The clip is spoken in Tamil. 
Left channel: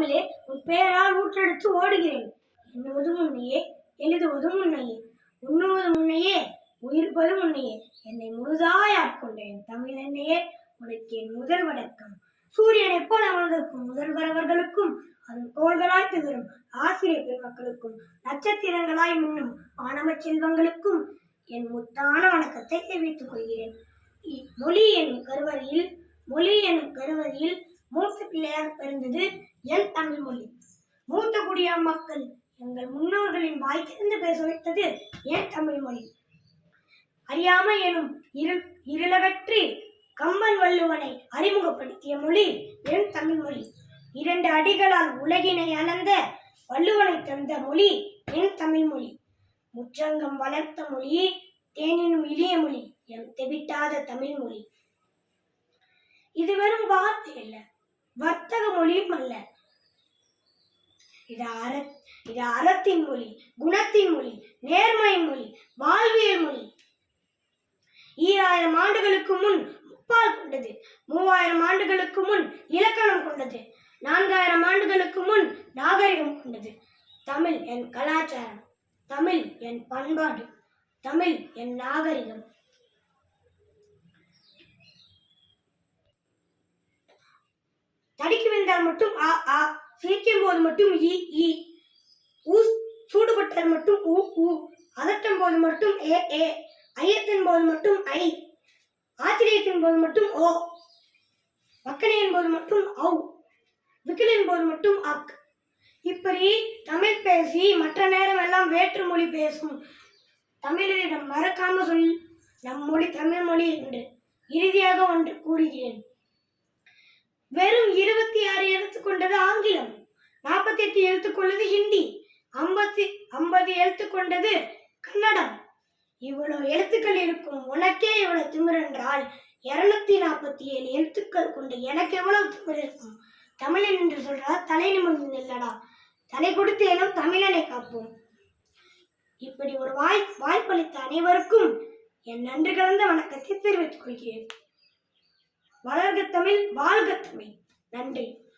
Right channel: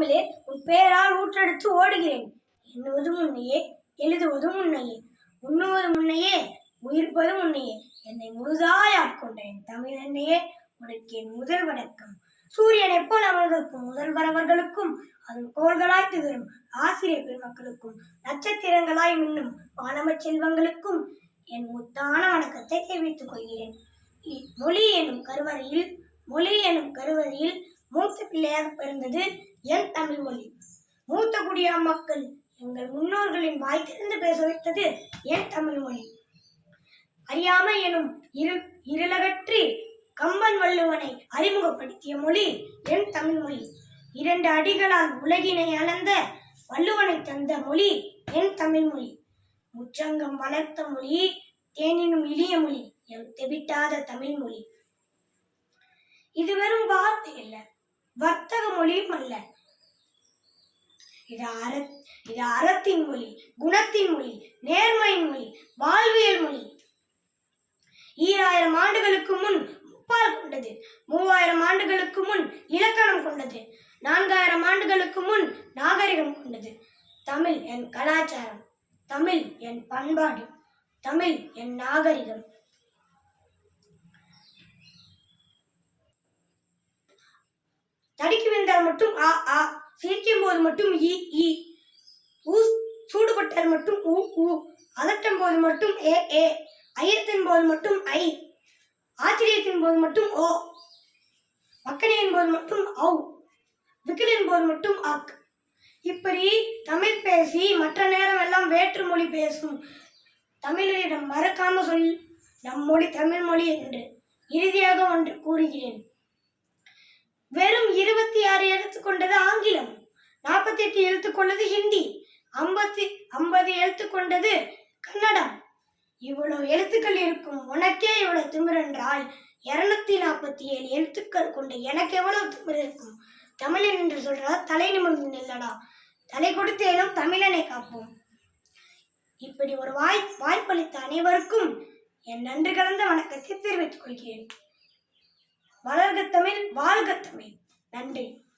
தமிழே உன் பேரால் ஊற்றெடுத்து ஓடுகிறேன். எண்ணுவது முன்னையே எழுதுவதும் உன்னையே உண்ணுவது முன்னையே உயிர்ப்பது முன்னையே என்னை முழுதாய் ஆட்கொண்டேன். தமிழ் என்னையே உனக்கு என் முதல் வணக்கம். சூரியனைப் போல அமர்ந்திருக்கும் முதல்வரவர்களுக்கும் அதன் கோள்களாய் திகழும் ஆசிரியர் பெருமக்களுக்கும் நட்சத்திரங்களாய் மின்னும் மாணவ செல்வங்களுக்கும் என் முத்தான வணக்கத்தை தெரிவித்துக் கொள்கிறேன். மொழி எனும் கருவறையில் மொழி எனும் கருவறையில் மூத்த பிள்ளையாக பிறந்தது என் தமிழ் மொழி. மூத்த குடியா மக்கள் எங்கள் முன்னோர்களின் வாய்த்திருந்து பேச வைத்தது என் தமிழ் மொழி. அறியாமை எனும் இரு இருளகற்றி கம்பன் வள்ளுவனை அறிமுகப்படுத்திய மொழி என் தமிழ் மொழி. இரண்டு அடிகளால் உலகினை அளந்த வள்ளுவனை தந்த மொழி என் தமிழ் மொழி. முற்றங்கம் வளர்த்த மொழி தேனினும் இளிய மொழி. எம் தெவிட்டாத தமிழ் மொழி. இது வெறும் வார்த்தை இல்லை வர்த்தக மொழியும் அல்ல. இது அற இது அறத்தின் மொழி குணத்தின் மொழி நேர்மையின் மொழி வாழ்வியல் மொழி. ஈராயிரம் ஆண்டுகளுக்கு முன் முப்பால் கொண்டது மூவாயிரம் ஆண்டுகளுக்கு முன் இலக்கணம் கொண்டது நான்காயிரம் ஆண்டுகளுக்கு முன் நாகரிகம் கொண்டது. தமிழ் என் கலாச்சாரம் தமிழ் என் பண்பாடு தமிழ் என் நாகரிகம். தடுக்கி விழுந்தால் மட்டும் ஆ ஆ. சிரிக்கும் போது மட்டும் இ இ. ஊ சூடுபட்டால் மட்டும் ஊ ஊ. அதட்டும் போது மட்டும் ஏ ஏ. ஐயத்தின் போது மட்டும் ஐ. ஆச்சரியத்தின் போது மட்டும் ஓ. மக்கனையின் போது மட்டும் ஔ. விக்கலின் போது மட்டும் அக். இப்படி தமிழ் பேசி மற்ற நேரம் எல்லாம் வேற்று மொழி பேசும் தமிழரிடம் மறக்காம சொல். நம் மொழி தமிழ் மொழி என்று இறுதியாக ஒன்று கூறுகிறேன். வெறும் இருபத்தி ஆறு எழுத்து கொண்டது ஆங்கிலம் நாற்பத்தி எட்டு எழுத்து கொண்டது ஹிந்தி ஐம்பத்தி ஐம்பது எழுத்து கொண்டது கன்னடம். இவ்வளவு எழுத்துக்கள் இருக்கும் உனக்கே இவ்வளவு திமிர் என்றால் இருநூத்தி நாற்பத்தி ஏழு எழுத்துக்கள் கொண்டு எனக்கு எவ்வளவு திமிர் இருக்கும்? தமிழன் என்று சொல்றா தலை நிமிர்ந்து நில்லடா. தலை கொடுத்தேனும் தமிழனை காப்போம். இப்படி ஒரு வாய் வாய்ப்பளித்த அனைவருக்கும் என் நன்றி கலந்த வணக்கத்தை தெரிவித்துக் கொள்கிறேன். வளர்க தமிழ் வாழ்க தமிழ். நன்றி.